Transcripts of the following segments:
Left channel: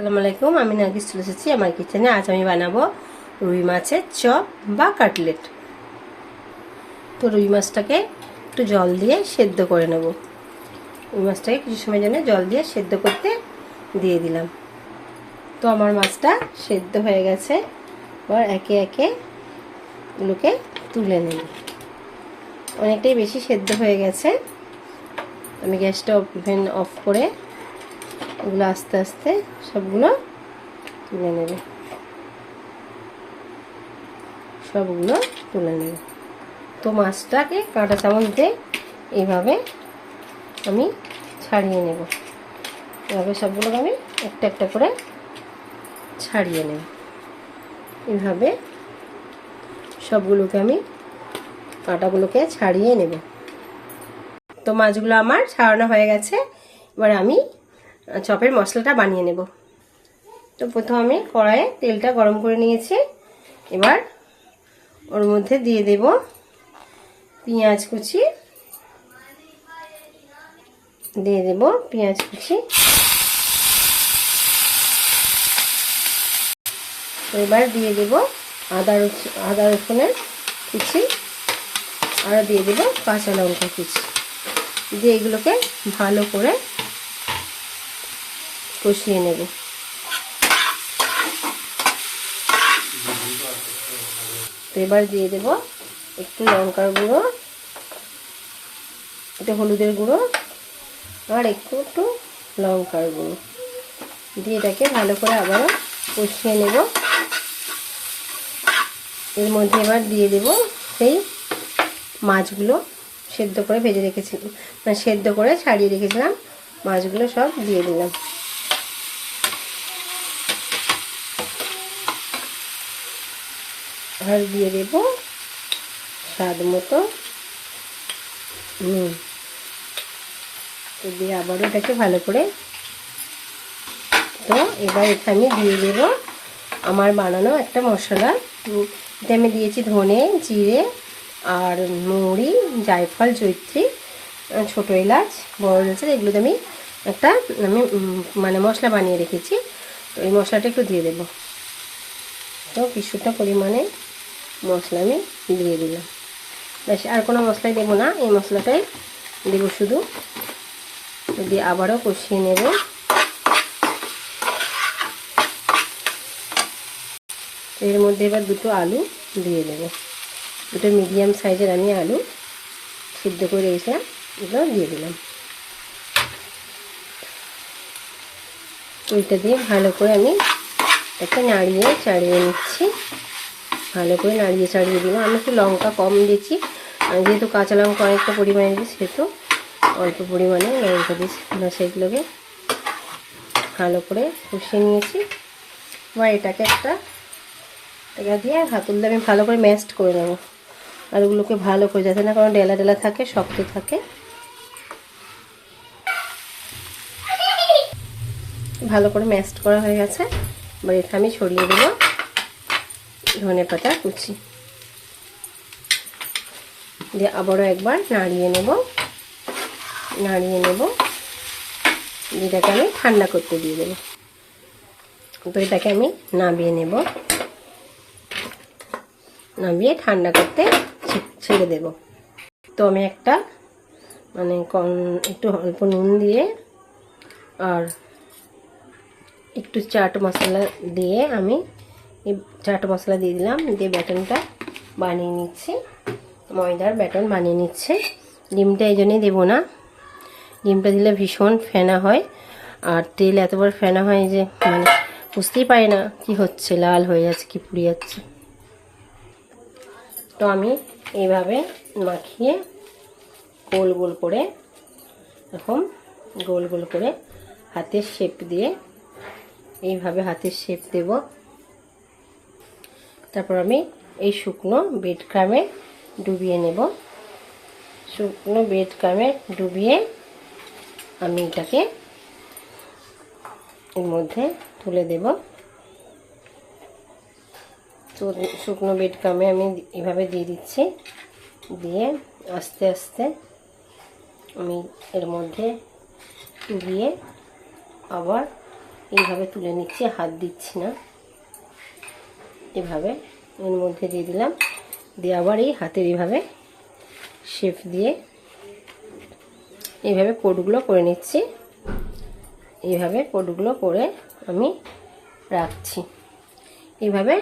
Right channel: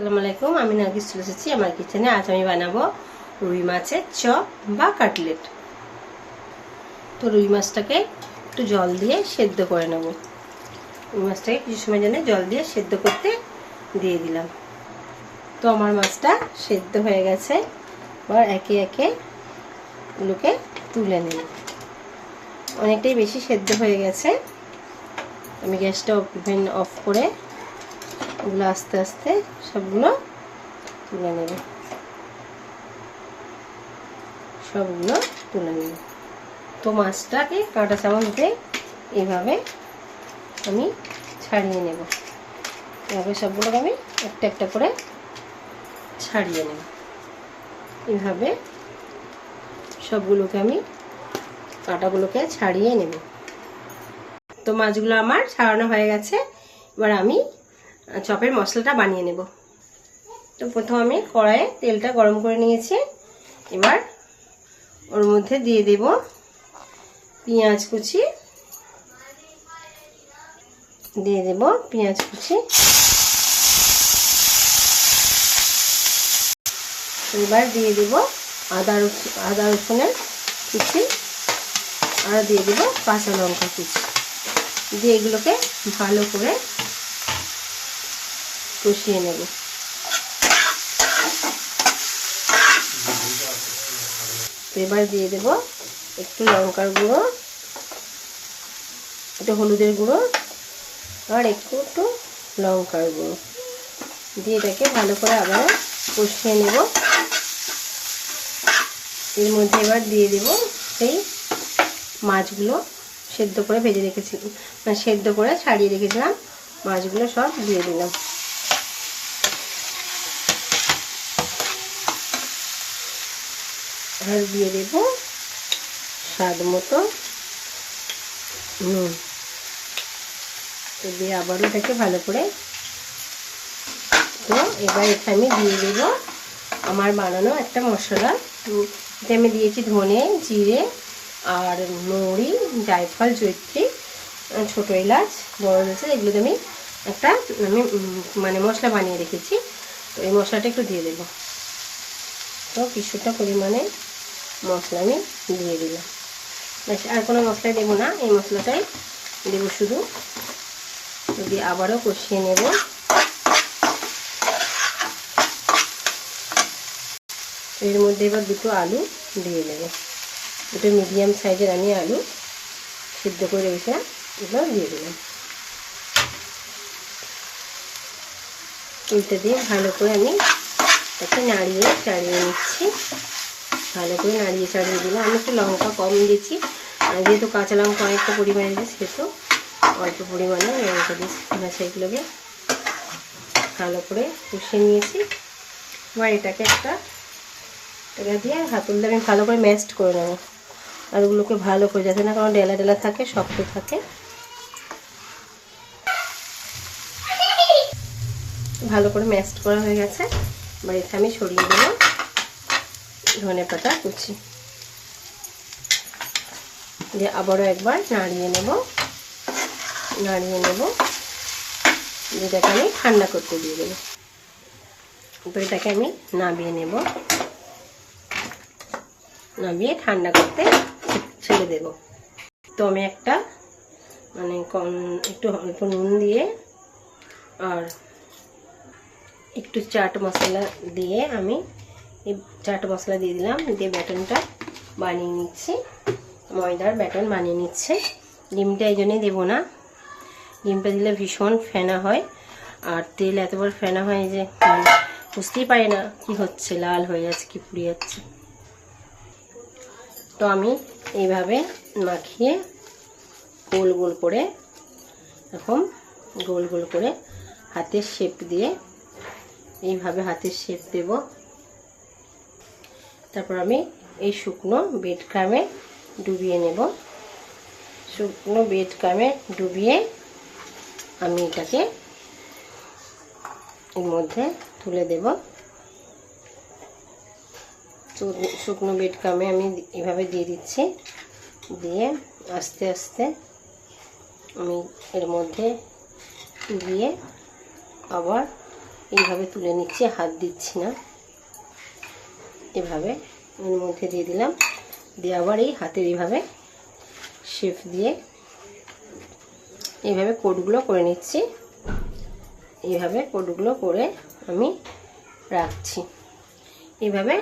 আসসালামু আমি নার্গিস চলে এসেছি আমার কিচেনে আজ আমি বানাবো রুই মাছের চপ বা কাটলেট। তো রুই মাছটাকে একটু জল দিয়ে সেদ্ধ করে নেব। রুই মাছটাকে কিছু সময় জন্য জল দিয়ে সেদ্ধ করতে দিয়ে দিলাম। তো আমার মাছটা সেদ্ধ হয়ে গেছে। এবার একে একে এগুলোকে তুলে নেব। অনেকটাই বেশি সেদ্ধ হয়ে গেছে। আমি গ্যাসটা ওভেন অফ করে এগুলো আস্তে আস্তে সবগুলো তুলে নেব। সবগুলো তুলে নেব। তো মাছটাকে কাঁটা চামচ দিয়ে এইভাবে আমি ছাড়িয়ে নেব। এভাবে সবগুলোকে আমি একটা একটা করে ছাড়িয়ে নেব। এইভাবে সবগুলোকে আমি কাঁটাগুলোকে ছাড়িয়ে নেব। তো মাছগুলো আমার ছাড়ানো হয়ে গেছে। এবার আমি চপের মশলাটা বানিয়ে নেব। তো প্রথম আমি কড়াইয়ে তেলটা গরম করে নিয়েছি। এবার ওর মধ্যে দিয়ে দেব পেঁয়াজ কুচি। দিয়ে দেব পেঁয়াজ কুচি। এবার দিয়ে দেব আদা আদা রসুনের কুচি। আর দিয়ে দেব কাঁচা লঙ্কা কুচি। দিয়ে এগুলোকে ভালো করে কষিয়ে নেব। এবার দিয়ে দেব একটু লঙ্কার গুঁড়ো, একটু হলুদের গুঁড়ো, আর একটু একটু লঙ্কার গুঁড়ো। দিয়ে এটাকে ভালো করে আবারও কষিয়ে নেব। এর মধ্যে এবার দিয়ে দেব সেই মাছগুলো সেদ্ধ করে ভেজে রেখেছিলাম সেদ্ধ করে ছাড়িয়ে রেখেছিলাম। মাছগুলো সব দিয়ে দিলাম। আর দিয়ে দেব স্বাদ মতো নুন। তো দিয়ে আবারও এটাকে ভালো করে তো এবার এখানে দিয়ে দেব আমার বানানো একটা মশলা। এতে আমি দিয়েছি ধনে, জিরে আর মৌরি, জায়ফল জৈত্রী ছোটো এলাচ, বড় এলাচ এগুলোতে আমি একটা, আমি মানে মশলা বানিয়ে রেখেছি। তো এই মশলাটা একটু দিয়ে দেবো। তো কিছুটা পরিমাণে মশলা আমি দিয়ে দিলাম। বেশ, আর কোনো মশলাই দেবো না, এই মশলাটাই দেবো শুধু। দিয়ে আবারও কষিয়ে নেব। এর মধ্যে এবার দুটো আলু দিয়ে দেবো দুটো মিডিয়াম সাইজের আমি আলু সিদ্ধ করে রেখেছিলাম এগুলো দিয়ে দিলাম। এইটা দিয়ে ভালো করে আমি একটা নাড়িয়ে চাড়িয়ে নিচ্ছি। ভালো করে নাড়িয়ে চাড়িয়ে দিলাম। আমি একটু লঙ্কা কম দিয়েছি যেহেতু কাঁচা লঙ্কা অনেকটা পরিমাণে দিয়েছি, সেহেতু অল্প পরিমাণে লঙ্কা দিয়েছি। সেগুলোকে ভালো করে কষিয়ে নিয়েছি। এবার এটাকে একটা এটা দিয়ে হাতুল দিয়ে আমি ভালো করে ম্যাস্ট করে নেব। আর ওগুলোকে ভালো করে যাতে না কারণ ডেলা ডেলা থাকে, শক্ত থাকে। ভালো করে ম্যাস্ট করা হয়ে গেছে। এবার এটা আমি ছড়িয়ে দেবো ধনে পাতা কুচি। দিয়ে আবারও একবার নাড়িয়ে নেব। নাড়িয়ে নেব। যেটাকে আমি ঠান্ডা করতে দিয়ে দেবো। তো এটাকে আমি নামিয়ে নেব। নামিয়ে ঠান্ডা করতে ছেড়ে দেব। তো আমি একটা মানে কম একটু অল্প নুন দিয়ে আর একটু চাট মশলা দিয়ে আমি এই চাট মশলা দিয়ে দিলাম, দিয়ে ব্যাটনটা বানিয়ে নিচ্ছি। ময়দার ব্যাটন বানিয়ে নিচ্ছে। ডিমটা এই জন্যই দেবো না। ডিমটা দিলে ভীষণ ফেনা হয়। আর তেল এত বড় ফেনা হয় যে মানে বুঝতেই পারি না কি হচ্ছে, লাল হয়ে যাচ্ছে কি পুড়ে যাচ্ছে। তো আমি এইভাবে মাখিয়ে গোল গোল করে, এখন গোল গোল করে হাতের শেপ দিয়ে, এইভাবে হাতের শেপ দেব। তারপর আমি এই শুকনো বেড ক্রামে ডুবিয়ে নেব। শুকনো বেড ক্রামে ডুবিয়ে আমি এটাকে এর মধ্যে তুলে দেব। শুকনো বেড ক্রামে আমি এভাবে দিয়ে দিচ্ছি। দিয়ে আস্তে আস্তে আমি এর মধ্যে দিয়ে আবার এইভাবে তুলে নিচ্ছি হাত দিচ্ছি না। এভাবে ওর মধ্যে দিয়ে দিলাম। দিয়ে আবার এই হাতের এইভাবে শেপ দিয়ে এইভাবে কোডগুলো করে নিচ্ছি। এইভাবে কোডগুলো করে আমি রাখছি। এইভাবে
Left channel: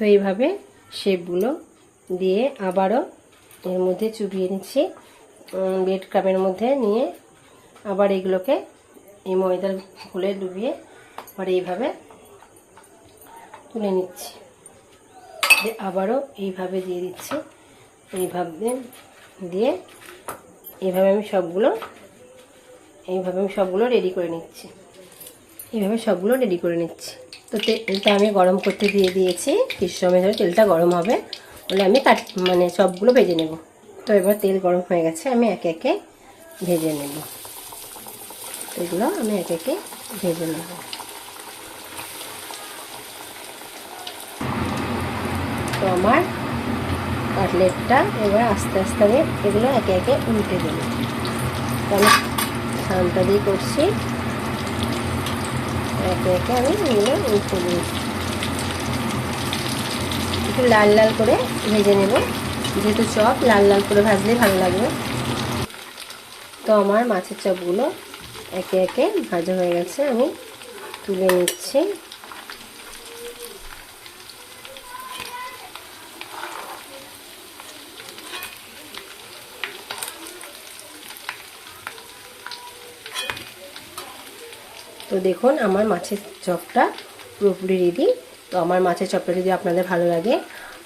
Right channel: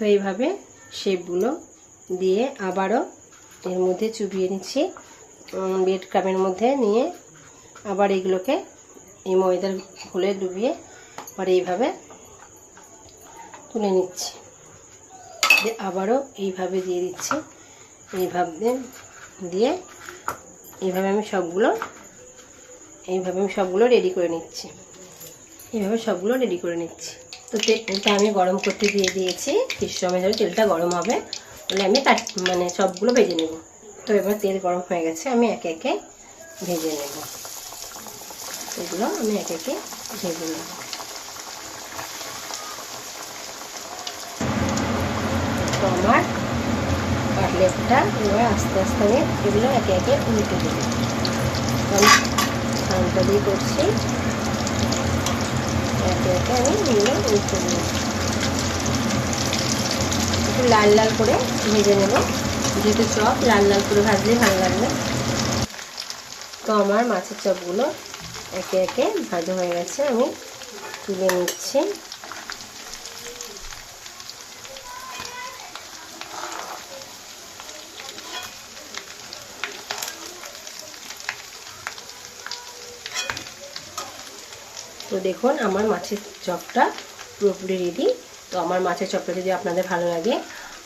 তো এইভাবে শেপগুলো দিয়ে আবারও এর মধ্যে চুবিয়ে নিচ্ছি। বেড কাপের মধ্যে নিয়ে আবার এগুলোকে এই ময়দার ঘুলে ডুবিয়ে আবার এইভাবে তুলে নিচ্ছি। দিয়ে আবারও এইভাবে দিয়ে দিচ্ছি। এইভাবে দিয়ে এইভাবে আমি সবগুলো, এইভাবে আমি সবগুলো রেডি করে নিচ্ছি। এইভাবে সবগুলো রেডি করে নিচ্ছি। তো তেলটা আমি গরম করতে দিয়ে দিয়েছি। কিছু সময় ধরে তেলটা গরম হবে। তাহলে আমি কাট মানে সবগুলো ভেজে নেব। তো এবার তেল গরম হয়ে গেছে, আমি একে একে ভেজে নেব। এগুলো আমি একে একে ভেজে নেব। তো আমার কাটলেটটা এবার আস্তে আস্তে আমি এগুলো একে একে উল্টে দেব। আমি শান্ত দিয়ে করছি। একে একে আমি এগুলো একটু লাল লাল করে ভেজে নেব। যেহেতু চপ, লাল লাল করে ভাজলে ভালো লাগবে। তো আমার মাছের চপগুলো একে একে ভাজা হয়ে গেছে, আমি তুলে নিচ্ছি। তো দেখুন, আমার মাছের চপটা পুরোপুরি রেডি তো আমার মাছের চপটা যদি আপনাদের ভালো লাগে,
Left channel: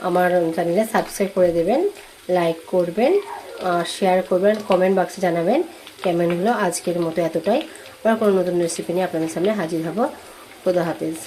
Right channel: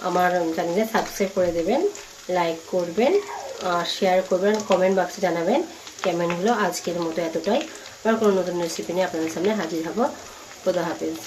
আমার চ্যানেলে সাবস্ক্রাইব করে দেবেন লাইক করবেন শেয়ার করবেন কমেন্ট বক্সে জানাবেন কেমন হলো আজকের মতো এতটাই। আবার কোনো নতুন রেসিপি নিয়ে আপনাদের সামনে হাজির হব। খোদা হাফিজ।